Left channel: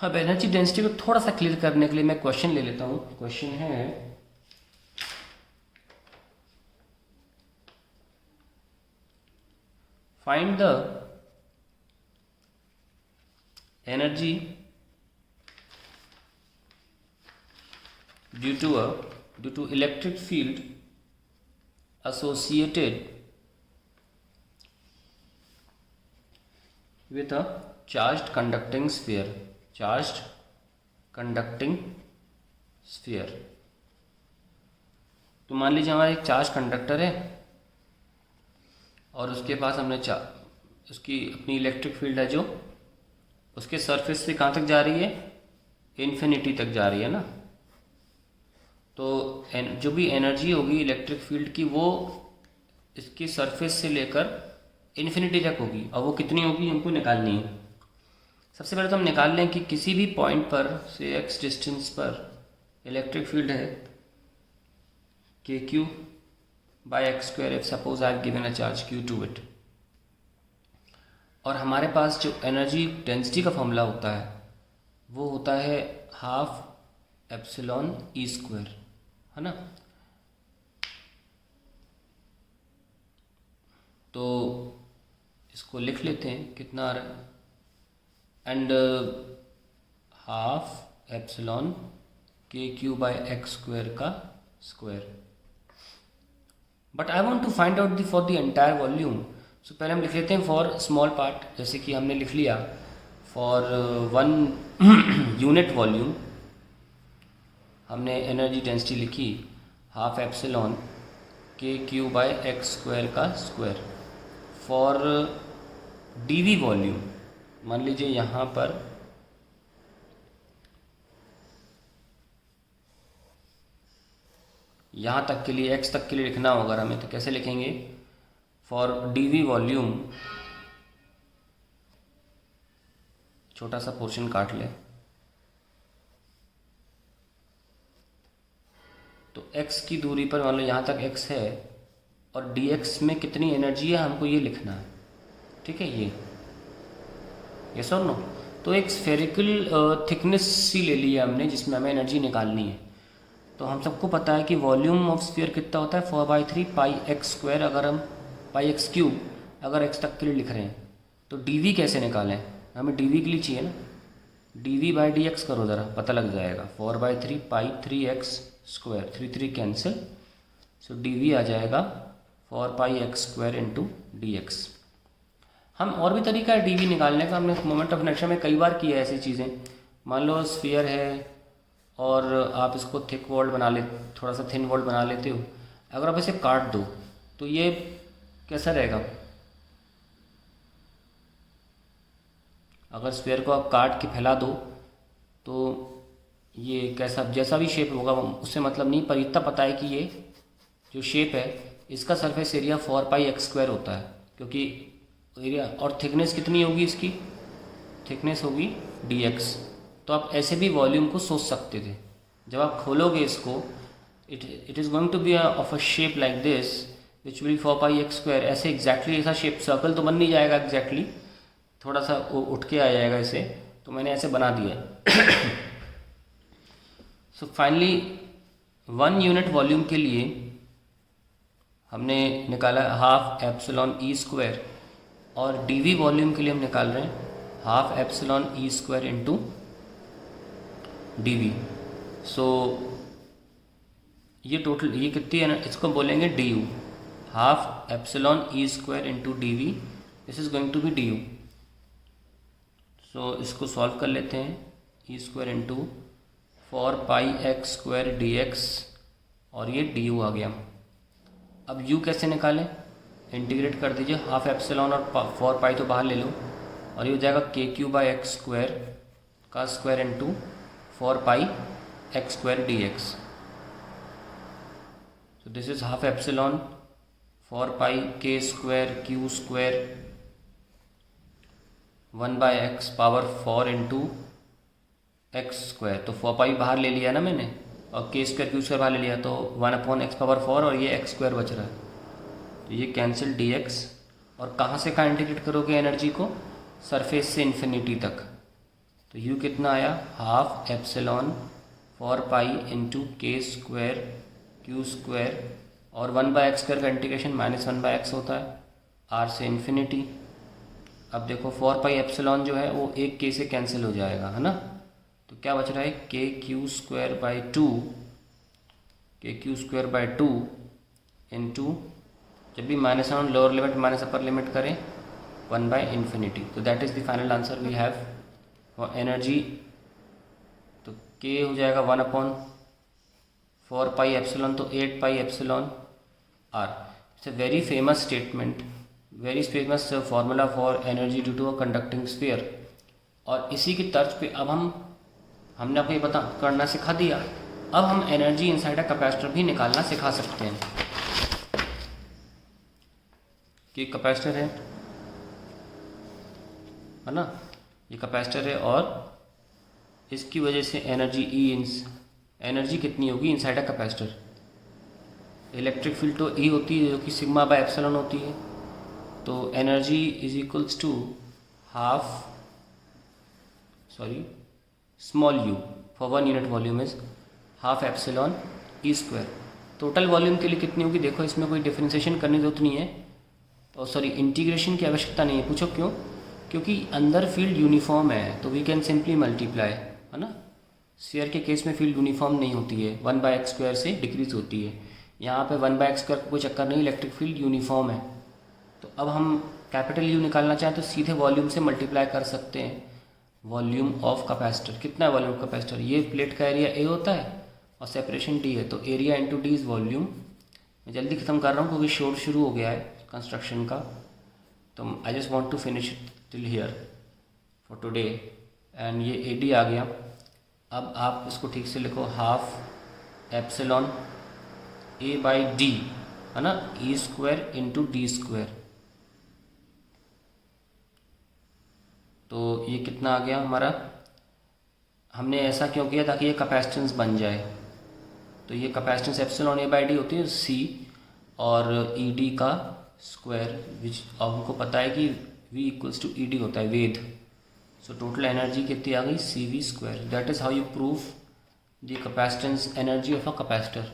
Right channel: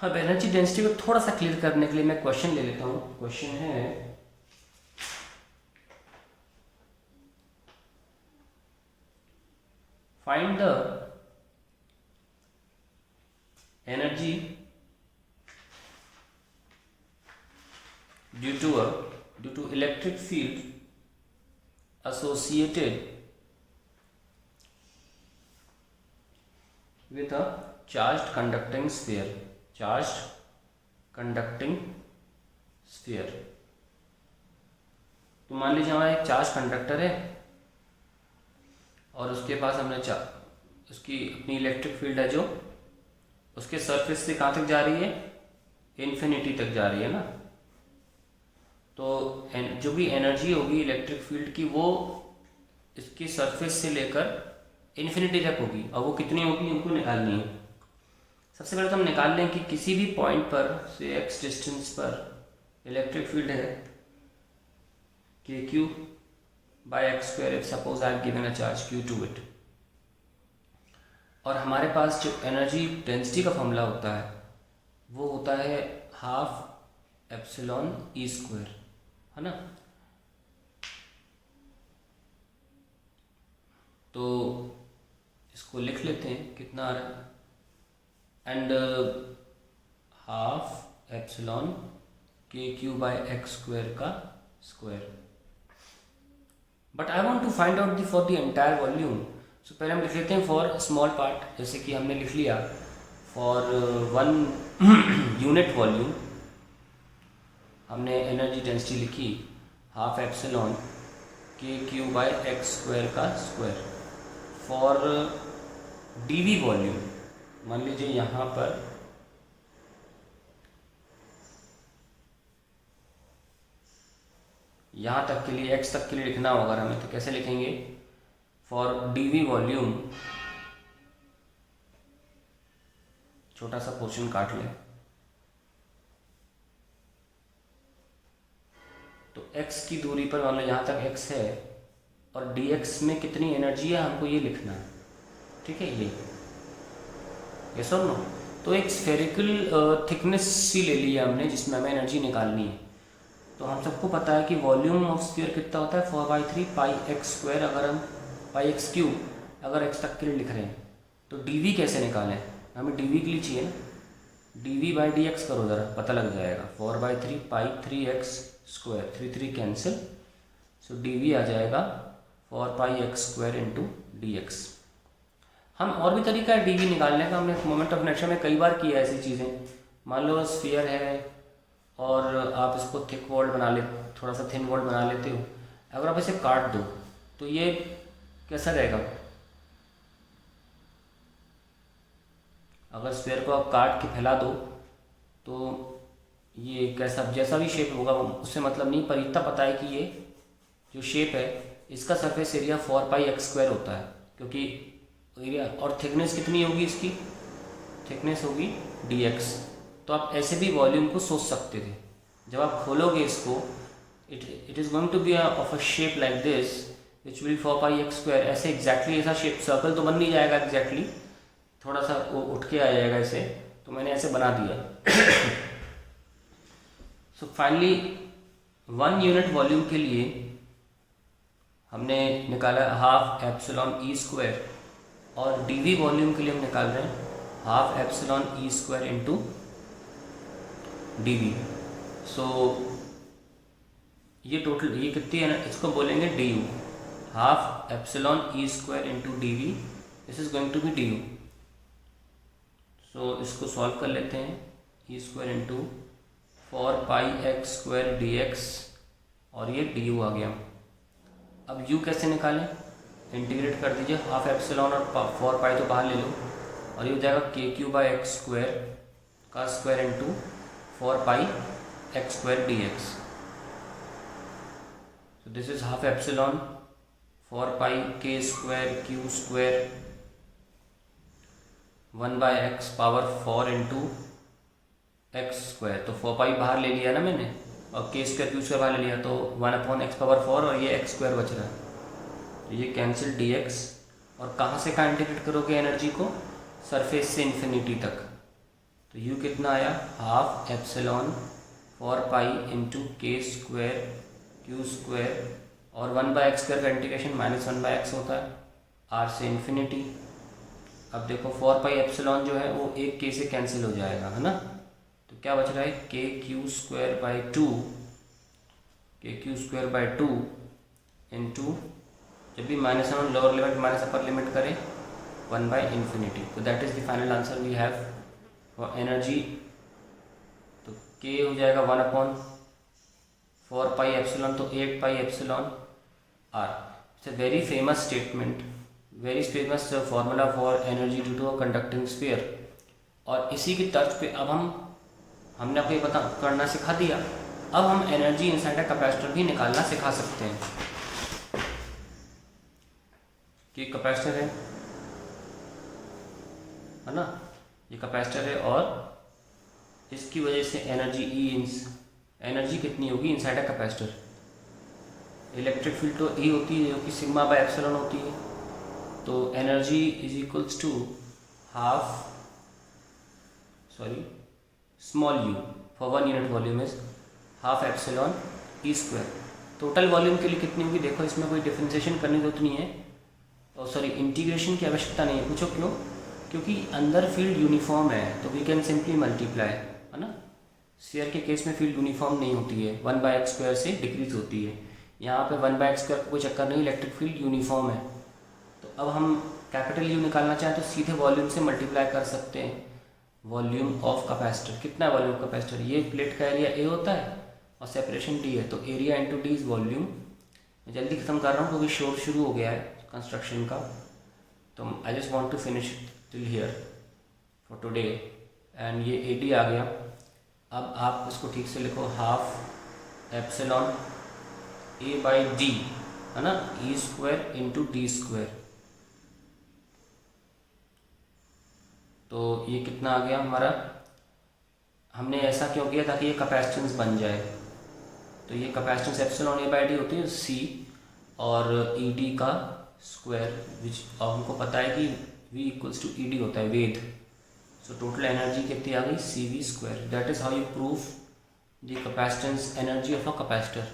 अब energy density को थोड़ा सा क्लियर करने के लिए मैं क्वेश्चन ले लेता हूँ। क्वेश्चन है find the energy due to electric field associated with a charged conducting sphere तो मान लीजिए हमारा एक चार्ज कंडक्टर है और उसके पास हमने उसकी अपनी इलेक्ट्रिक फील्ड है जो उसके सरफेस से कहाँ तक जा रही है, इन्फिनिटी तक जा रही है ना। तो जो भी एनर्जी होगी इलेक्ट्रिक फील्ड की वो इसकी सरफेस से लेकर इन्फिनिटी तक होगी, और वो कितनी होगी हमको निकालनी है। सबसे पहले तो हम निकाल लें कि किसी भी पॉइंट पर से x डिस्टेंस पर इलेक्ट्रिक फील्ड है kq by x square if suppose I have given a charge q to it, और हमारे पास जो एनर्जी डेंसिटी का फॉर्मूला होता है वो होता है हाफ एप्सिलॉन ई स्क्वायर, है ना। तो इसको लिख लेते हैं, कितना आ रहा है, एंड हाफ एप्सिलॉन के क्यू बाय एक्स स्क्वायर का square. But I want to find out for the entire volume. So पहले हम लिख लेते हैं फॉर स्मॉल पार्ट, जैसे कि हमने लिख लिया फॉर 1 यूनिट वॉल्यूम हमने एनर्जी डेंसिटी लिखी हाफ एप्सिलॉन के क्यू बाय एक्स स्क्वायर का स्क्वायर। फॉर डीवी वॉल्यूम मान लीजिए यहाँ पर यहाँ तक के लिए x तक के लिए लिखना होगा हमें, तो कैसे लिखेंगे, फॉर डीवी वॉल्यूम छोटा सा पोर्शन काट लें, तो x की दूरी पर मान लो यहाँ तक x है और dx में कितनी एनर्जी है हमको ये लिखना है, ठीक है। ये सर नो, तो एक स्फेरिकल थिकनेस सी ले लिया हमने जिसमें हमें एनर्जी निकालनी है। तो हम सबको पता है कि वॉल्यूम ऑफ स्फीयर कितना होता है 4/3 पाई एक्स स्क्वायर, अगर हम पाई एक्स क्यूब अगर x तक के लिए लिख रहे हैं। तो dv कैसे निकालें, हमें dv के लिए चाहिए ना, dv बाई dx करो ज़रा, पता लग जाएगा। 4/3 pi 3x square, 3 cancel, so dv आ जाएगा 4 pi X square into D X. हम और भी तरीका है dv निकालने का, हमने मोमेंट ऑफ इनर्शिया में कई बार किया है ऐसी चीज़ें। मान लो स्फीयर है और आप इसको थिक वॉल्ड बना ले, थोड़ा सा थिन वॉल्ड बना लेते हो, अगर आप इसे काट दो तो ये कैसा रहेगा, अगर स्फीयर को आप काट के फैला दो तो ये कैसा, जैसा भी शेप होगा उससे मतलब नहीं, पर इतना पता है कि ये जो शेप है इसका surface area 4 pi X square होता है, क्योंकि एरिया और थिकनेस कितनी होगी, इसकी थिकनेस होगी dx। तो आप ऐसे भी वॉल्यूम को सोच सकते थे। जब आप खोलोगे इसको, it is going to be of a shape like this which will 4 pi X square, ऐसे एग्जैक्टली ऐसा शेप, सर्कल तो बन नहीं जाएगा एग्जैक्टली, थोड़ा सा वो उठ के आ जाएगा ऐसे, तो मैंने ऐसे बना दिया। सो फाइनली 1 यूनिट वॉल्यूम के लिए हमने निकाला हाफ एप्सिलॉन ई स्क्वायर, और डीवी वॉल्यूम के लिए हम निकाल रहे हैं half epsilon E square into DV. So ये टोटल ये कितनी है ना, इसको बोलेंगे D U, half epsilon E square into D V, this is going to be D U. So इसको सॉल्व कर लेते हैं, E square into 4 pi X square D X, और ये डी यू आ गया। अब u कैसे निकालें, इंटीग्रेट कर दीजिए, हाफ एप्सिलॉन और 4 पाई तो बाहर ले लो, और ये हो जाएगा K Q by X square का square into 4 pi X square D X. So this is half epsilon 4 pi K square Q square 1 by X power 4 into X square, तो 4 पाई बाहर ले लिया ना मैंने, और के स्क्वायर क्यू स्क्वायर बाहर ले लिया, तो 1/x पावर 4 और ये एक्स स्क्वायर बच रहा है, तो ये कैंसिल dx। और कहाँ से कहाँ इंटीग्रेट करोगे एनर्जी को, सरफेस से इन्फिनिटी तक, तो यू कितना आया, हाफ एप्सिलॉन 4 पाई इंटू के स्क्वायर क्यू स्क्वायर, और 1/x² का इंटीग्रेशन -1/x होता है, आर से इन्फिनिटी। अब देखो 4 पाई एप्सिलॉन जो है वो एक के से कैंसिल हो जाएगा, है ना। तो क्या बच रहा है, K Q square by two into, जब भी -1 lower limit minus upper limit करें 1/∞। तो that is the final answer we have for energy. तो के हो जाएगा 1/4 पाई एप्सिलॉन, तो 8 pi epsilon R. It's a very famous statement, very famous formula for energy due to a conducting sphere. और इसी की तर्ज पे अब हमने आपको ये करना सिखा दिया। अब हम एनर्जी इनसाइड अ कैपेसिटर भी निकालना सिखा सकते हैं। कि कैपेसिटर है ना, ये कैपेसिटर है, और इसकी वजह से एनर्जी कितनी होगी inside a capacitor. Electric field तो ई होती है, जो कि सिग्मा बाय एप्सिलॉन होती है। तो energy is equals to small U for 1 unit volume is half epsilon E square. Total volume के लिए कितनी होगी, देखो इसमें कोई डिफरेंशिएशन करने की जरूरत नहीं है, और इंटीग्रेशन की आवश्यकता नहीं है। पूछो क्यों, क्योंकि अंदर फील्ड यूनिफॉर्म है, तो वी कैन सिंपली मल्टीप्लाई, है ना। स्फीयर के केस में फील्ड यूनिफॉर्म नहीं होती है, 1/x² से डिक्रीज होती है। यहाँ पे 1/x² का कोई चक्कर नहीं, इलेक्ट्रिक फील्ड यूनिफॉर्म है। तो अब हम कैपिटल यू निकालना चाहें तो सीधे वॉल्यूम से मल्टीप्लाई कर सकते हैं। वॉल्यूम ऑफ कैपेसिटर कितना है, वॉल्यूम ऑफ कैपेसिटर, ये प्लेट का एरिया ए होता है और सेपरेशन डी है, तो area into D is volume. मैं जल्दी खत्म कर रहा हूँ क्योंकि शोर शुरू हो गया है कंस्ट्रक्शन का, तो I just want to finish till here for today. And ये ए डी आ गया। अब आप उसको ठीक से लिखो, half epsilon A by D, है ना, ई स्क्वायर इंटू डी स्क्वायर। तो ये कितना आ गया हमारा, हमने ऐसा क्यों किया ताकि ये कैपेसिटेंस बन जाए। तो ये capacitance epsilon A by D होती है सी, और ई डी का स्क्वायर, विच अब हमको पता है कि V equals to E D होता है, वेद। सो टोटल एनर्जी कितनी आ गई, CV²। That is how you prove the capacitance energy of a capacitor.